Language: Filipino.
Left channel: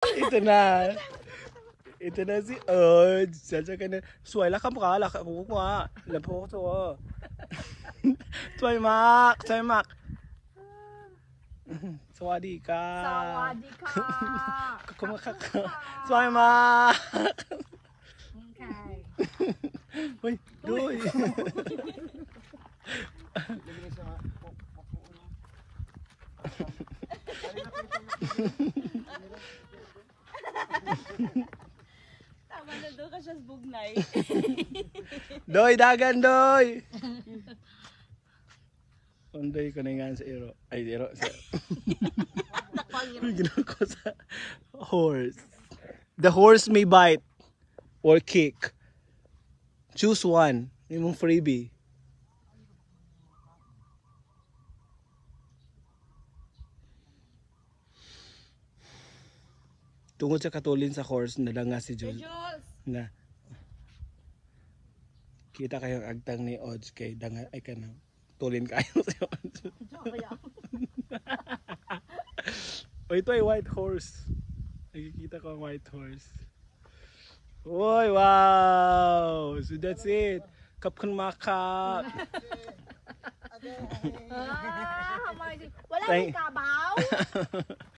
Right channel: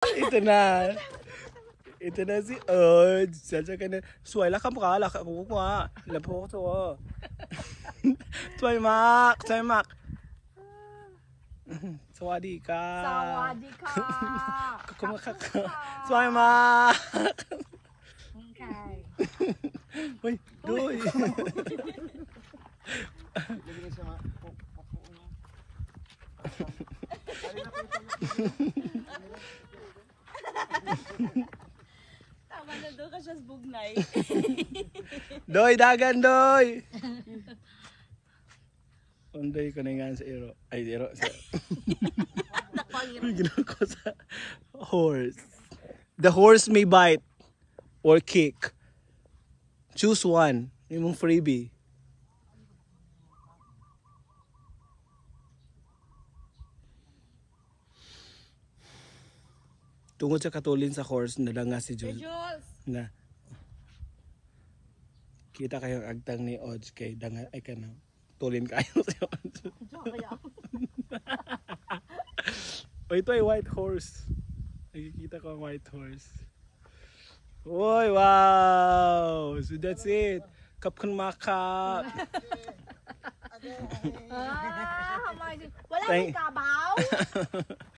Ito na. Ito na si Odds. Sasa ka na. Suwala ka mukha. Laka mo mukha. Lapo ko to. Toy Mac. Toy Mac. Sawadi ka. Sawadi ka. Kumakak ka. Toy Mac. Okay. Uy, doy. Tama na doon ka siya sa bugnay. Doy, dagan, doy. Unday ko na nga sa iro. Ay, iro. Ginawa ko sa horse. The horse may bite or kick. Choose one. Yung freebie. Tungod sa katulin sa horse, nalanga si Jules. Na kita kayong agtang ni Odds kay danga ay kanang tulin kayo si Odds. O ito ay white horse. Nakikita ko ang white horse. Woy, wow! So that's it. Kapkan makap. Wala kang kabaw.